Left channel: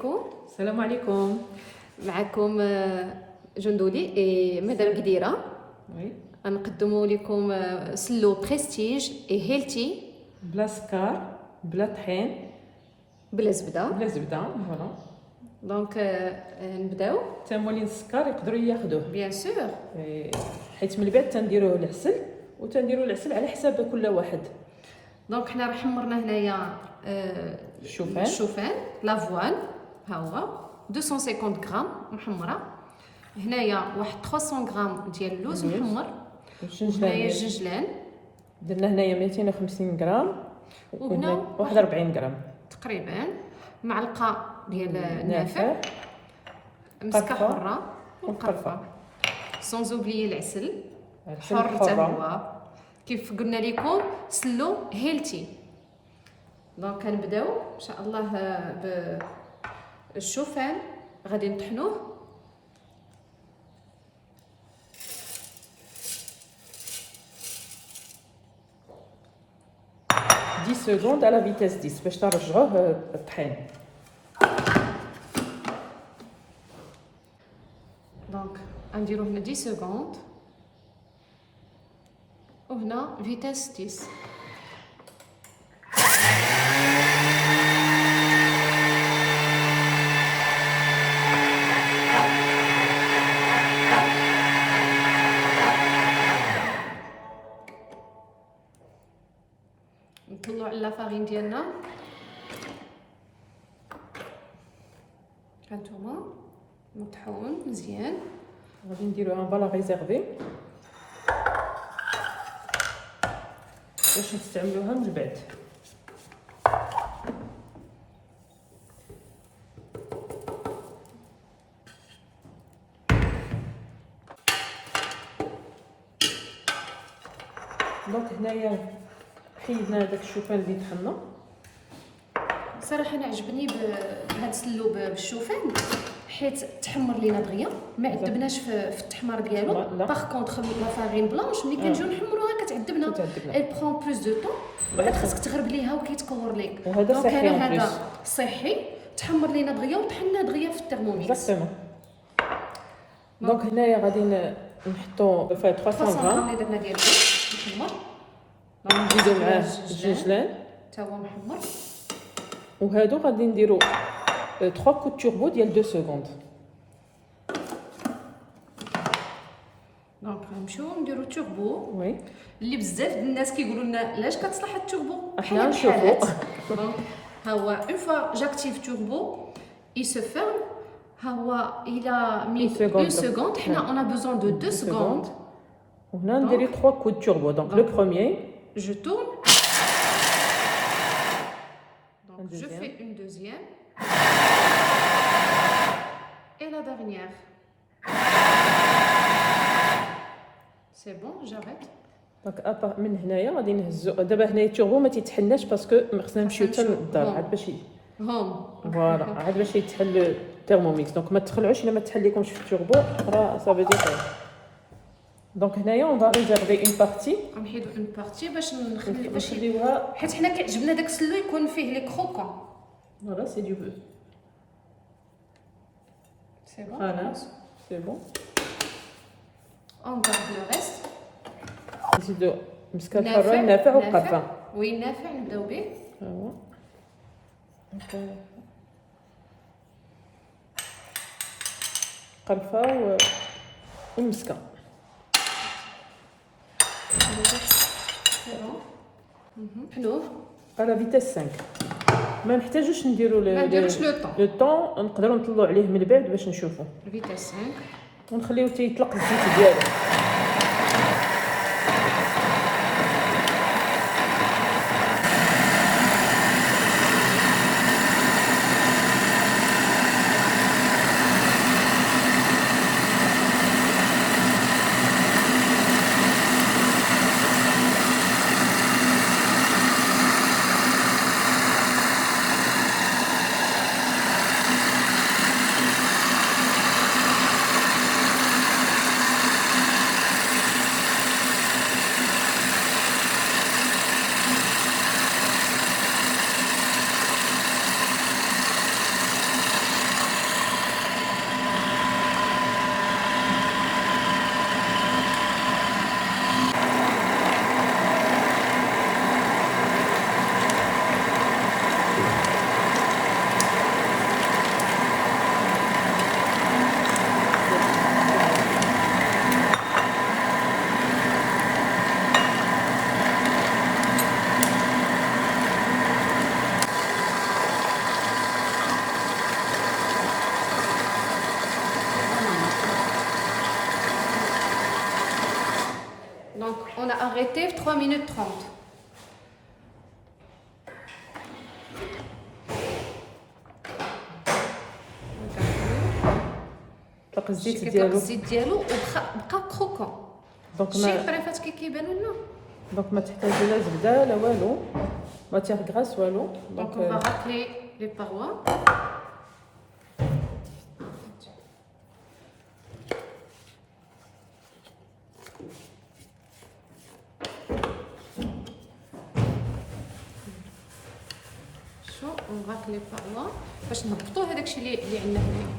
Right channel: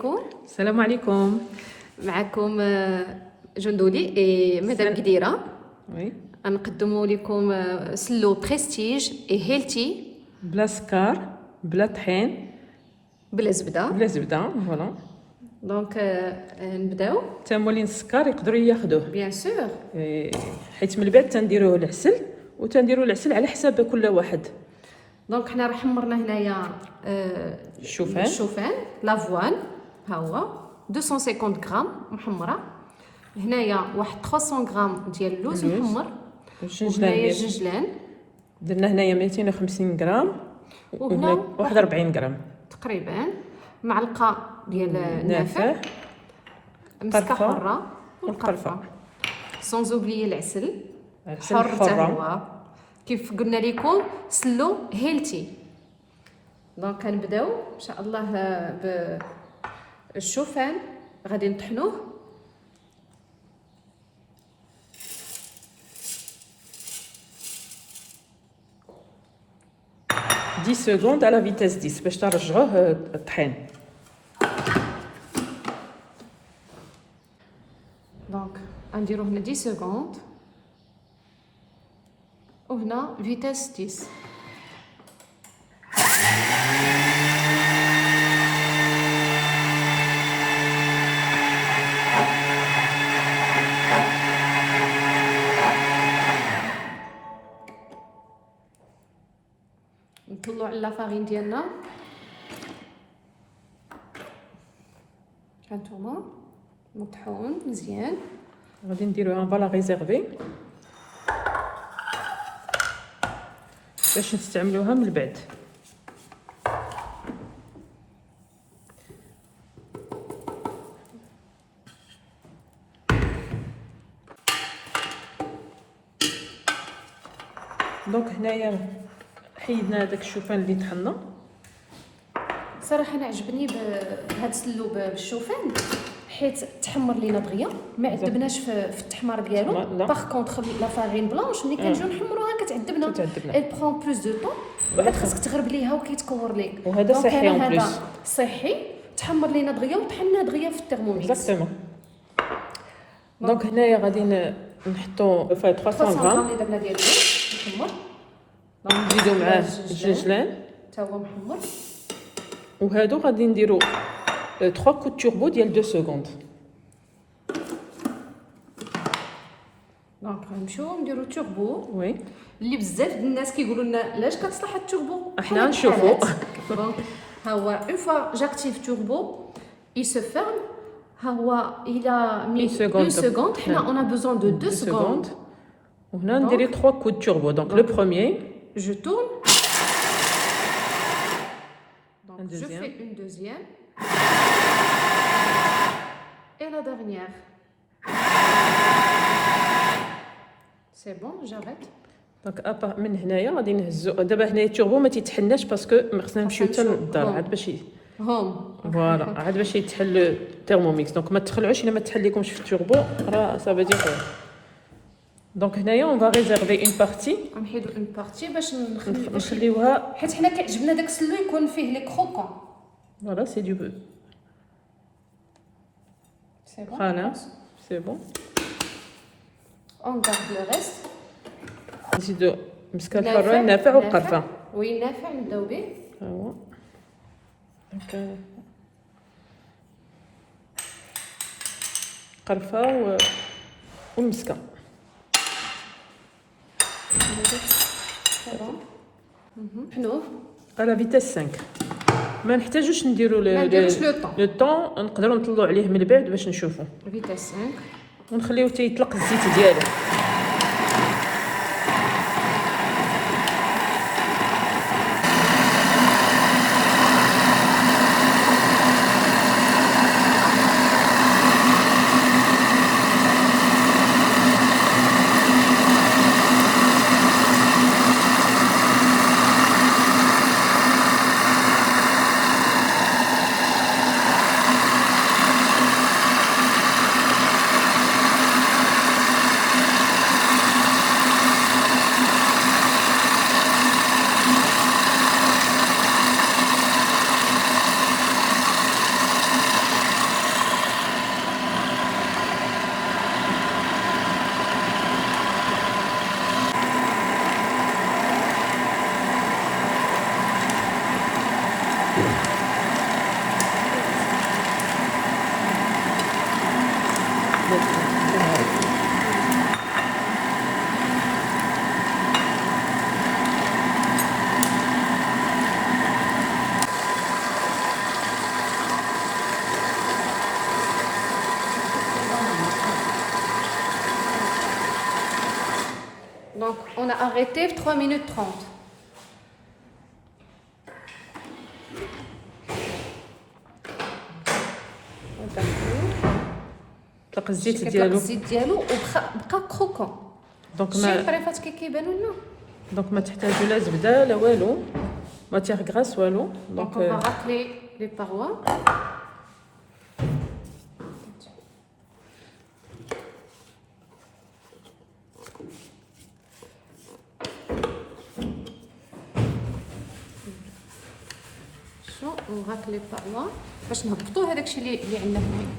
عليكم. السلام عليكم. معكم جندولي اي مدام قديره. وي غنقدموا لكم سلو بريستيج اي هيلتي بلا سكر بلا طحين بلا زبده. فوالا. دونك نبداو. تمولين السكر يقدروا ياخذوه بيان سور، حيت من بعد تنديروه العسل وتنديروا العسل على حساب كل واحد. دونك حنا راه حمرنا هنايا الشوفان لافوان، ها هو 250 غرام محمره. هنايا واحد 300 غرام ديال اللوز محمر. وهنايا الجنجلان درنا هنايا 250 غرام وهنا 41 غرام تقريبا. معلقه ديال نافع، مسكه حره والقرفه، سونز اوبليي العسل حر حتى هو. كيف قلنا لكم سلو هيلتي. دونك كنبداو ان شاء الله بالشوفان، غادي نطحنوه. دي سكوند على فيتاس 10 باش ترجعوه الطحين. دونك غنديرو هنا 10 سكوند وهنا فيتاس 10. نطلعوا على لافارين ديالنا. هانتوما مطحون مزيان. غادي نديرو ان فالا ريزيرفي باش نستعملوها من بعد. دونك هنايا حيدنا هذاك الشوفان اللي طحنا. صراحه انا عجبني بهذا السلو بالشوفان حيت تحمر لينا دغيا، ما عذبناش في التحمار ديالو. باغ كونطخ لا فارين بلانش ملي كنجيو نحمروها كتعذبنا، اي برون بلوس دو طون، بعد خاصك تغرب ليها وكيتكور ليك. وهذا صحي هذا صحي، تحمر لينا دغيا وطحنا دغيا في الترموميكس. دونك هنايا غادي نحطو فيه 300 غرام اللي درنا ديال اللوز محمر. نزيدو معاه الجنجلان تا هو محمر. وهادو غادي نديرو 3 كوت توربو ديال 2 سكوند. دونك غنمشيو نديرو توربو. وي اللي بزاف ديال الناس كيقولوا لنا علاش كتصلح التوربو. حنا نشوفو. دونك ها هو اون فوا جاكتيف توربو il se ferme. ها هو الى 1 سكوند. حنا اون ا بوزون دو 2 سكوند. وهنا نديري 3 كوت توربو. دونك لو بروميير je tourne. Donc je fais une deuxième et la dernière. C'est bon, j'arrête. دونك من هنايا غادي نهزو. دابا هنايا التوربو ما تيتحناش باسكو خصنا نمشيو حتى للدار عاد باش هوم فوالا عاد باش يتحل الترموميكس. دونك ما تخلعوش الا ما تحليكمش في التوربو راه صافي دي. دونك هنايا اون فا ريزيرفي اون بارتي، نحيدو اون بارتي باش نخليوها حيت حنا كيعجبنا داك السلو يكون فيه لي كروكون. فوالا سي دو بو. سي بون خلاص سي بون. اون غارد لو ريست. نزيدو مسكه الحره النافع والقرفه. وي النافع نبداو به. هو قرفه والمسكه. حنوه على فيتاس 5. ما نحتاجوش نديرو لو طون، نقدروا نطلعوا عليه من بعد باش نشوفوا. فيتاس 5 ونخليوه تيطلق الزيت ديالو. on a arrêté 3 minutes 30. تلقى الزيت ديالو الزيت ديالو وبقى كروكون. دونك شي ما الطريفات كيبانوا لنا. دونك ما تحتاجو لا زبده لا والو ماتيغ غراس والو. دونك on va racler les parois. on racle les parois باش نهبطوا هذاك الشيء اللي عندنا هنا.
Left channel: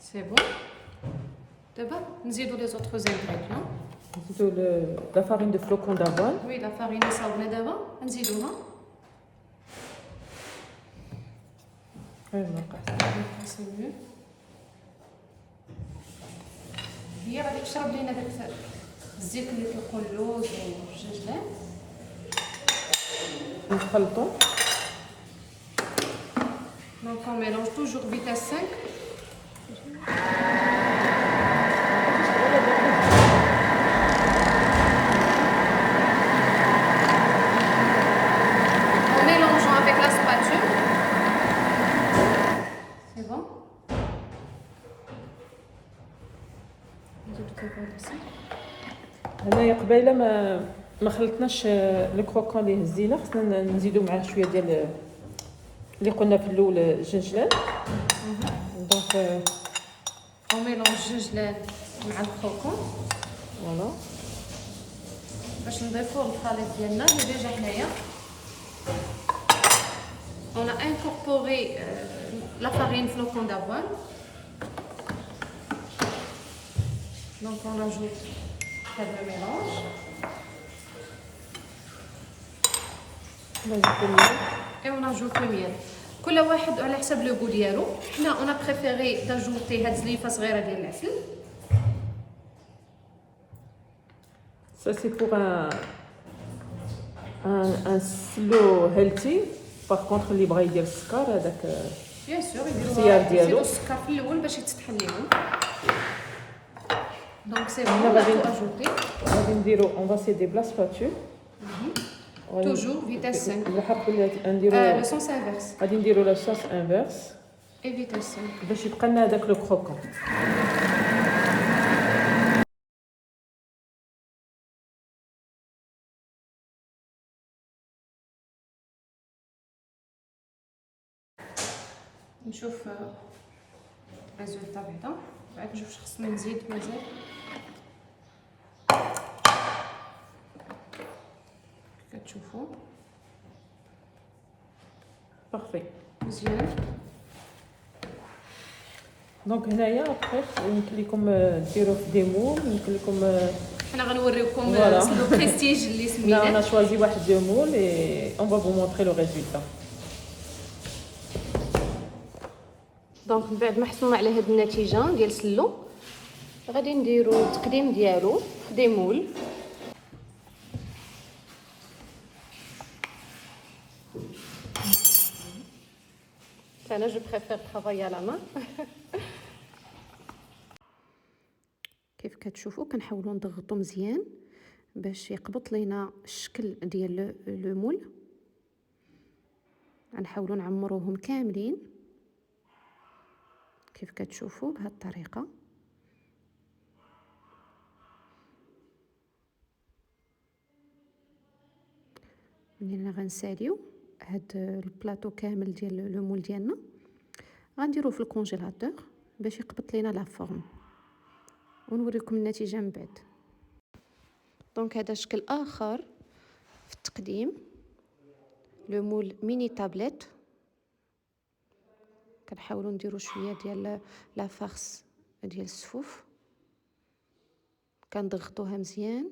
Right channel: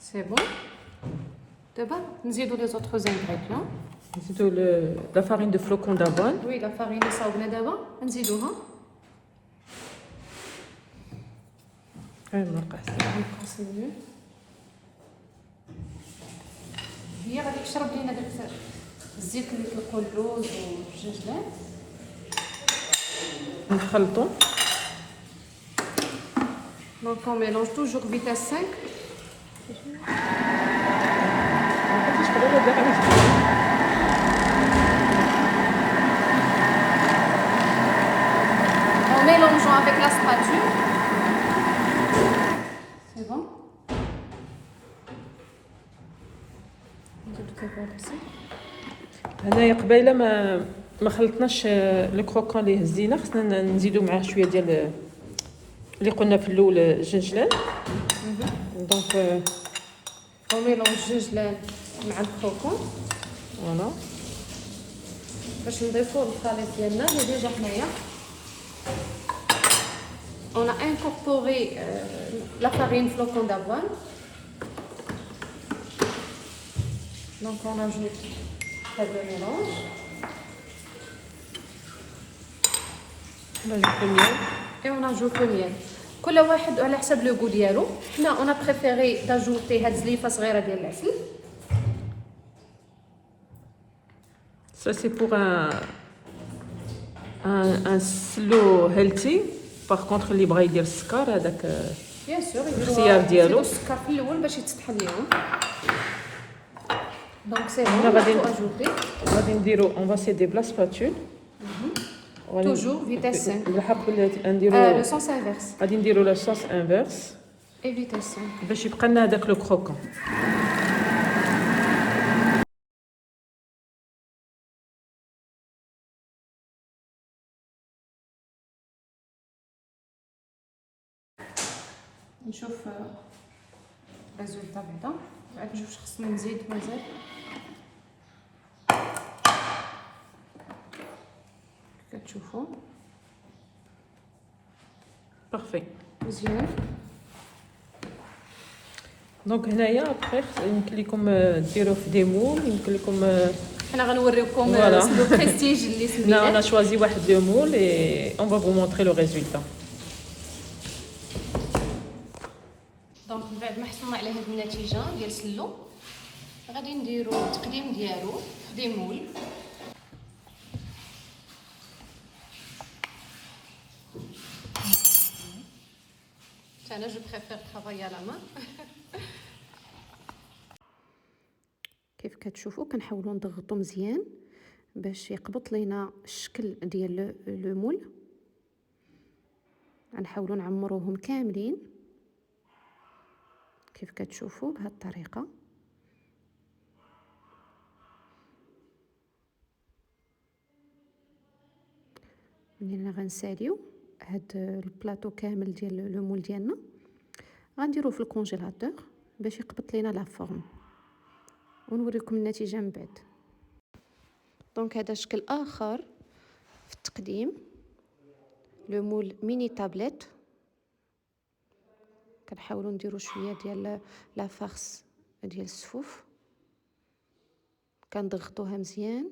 سي بون. دابا نزيدوا لي زوطخ انغريديون. نزيدو لا فارين دو فلوكون دافوان. وي لا فارين صاوبنا دابا نزيدوها. هي غادي تشرب لينا داك الزيت اللي كيطلقوا اللوز والجنجلان. نخلطو. Donc on mélange toujours vitesse 5. En mélangeant avec la spatule. C'est bon. هنايا قبيله ما خلطناش لو كروكون اللي هزينا، خصنا نزيدو معاه شويه ديال اللي قلنا في الاول الجنجلان. دونك on mélange الجنجلان مع الكروكون. فوالا باش نضيفو الخليط ديالنا اللي ديجا حنايا. on a incorporé la farine flocon d'avoine. Donc on ajoute le mélange. Et on ajoute le miel. كل واحد على حسب لو غو ديالو. حنا on a préféré d'ajouter هاد زليفه صغيره ديال العسل. Ça c'est pour un slow healthy. Par contre اللي بغا يدير السكر هذاك بيان سور السيار ديالو يديروا السكر في الاول باش يتسطح ليهم. دونك سي بون غادي اجوتي. غادي نديرو اون فا سيدي بلا سباتول. توجور فيتاس 5. الحق نديرو لو سونس انفيرس. غادي نديرو لا صوص انفيرس اي فيتاس 5 باش يبقى لنا هذاك لو كروكون. نشوف الريزولطا بعدا بعد نشوف واش خصني نزيد مازال. كتشوفوا بارفي مزيان. دونك هنايا بقيت يمكن لكم ديروا في دي مول، يمكن لكم حنا غنوريوكم لو بريستيج اللي سميناه. انا شوازي واحد دو مول اي اون فا فو مونطري لو ريزولطا. دونك من بعد ما حصلنا على هاد النتيجه ديال سلو غادي نديرو التقديم ديالو دي مول. انا جو بريفير ترافاي على مان. كيف كتشوفوا كنحاولوا نضغطوا مزيان باش يقبط لينا الشكل ديال لو مول. غنحاولوا نعمروهم كاملين كيف كتشوفوا بهذه الطريقه. منين غنساليو هاد البلاطو كامل ديال لو مول ديالنا غنديروه في الكونجيلاتور باش يقبط لينا لا فورم ونوريكم النتيجه من بعد. دونك هذا شكل اخر في التقديم لو مول ميني تابلت. كنحاولوا نديروا شويه ديال لا فارس ديال السفوف كنضغطوها مزيان.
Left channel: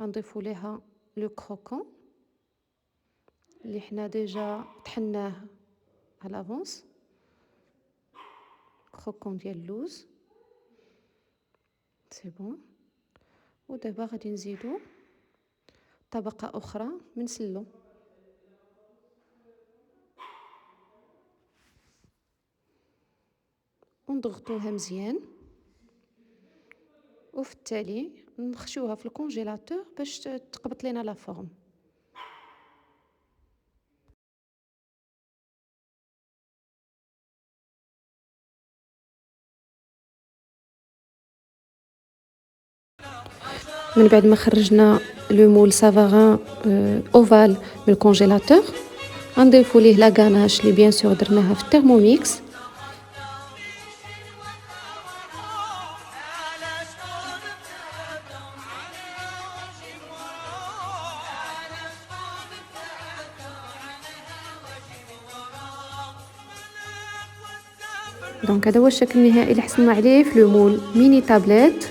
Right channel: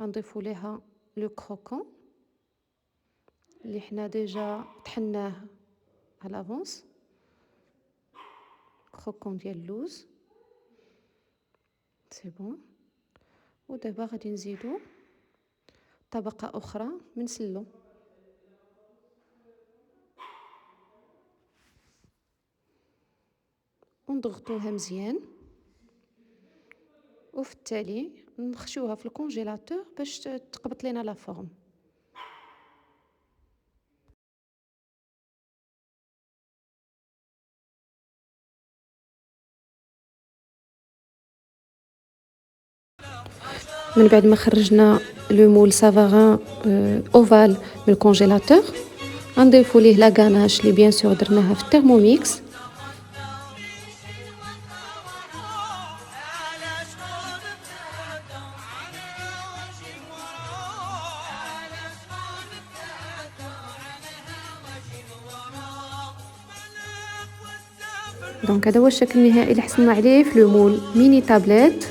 غنضيفوا ليها لو كروكون اللي حنا ديجا طحناه على لافونس. كروكون ديال اللوز سي بون. ودابا غادي نزيدو طبقة أخرى من سلو. ونضغطوها مزيان، وفي التالي نخشوها في الكونجيلاتور باش تقبط لنا لا فورم. من بعد ما خرجنا لو مول سافاغان اوفال من الكونجيلاتور، غنضيفو ليه لا غاناش اللي بيان سور درناها في الترموميكس. دونك هذا هو الشكل النهائي اللي حصلنا عليه في لو مول ميني تابليت.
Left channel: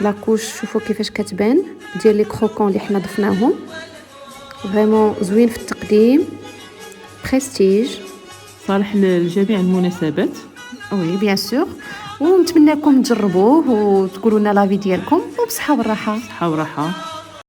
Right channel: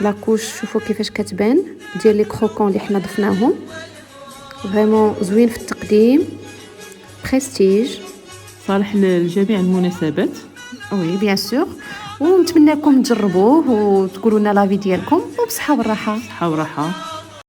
لاكوش شوفوا كيفاش كتبان ديال لي كروكون اللي حنا ضفناهم، فريمون زوين في التقديم، بريستيج، صالح لجميع المناسبات. وي بيان سور. ونتمنىكم تجربوه وتقولوا لنا لافي ديالكم، وبصحه وراحه. صحه وراحه.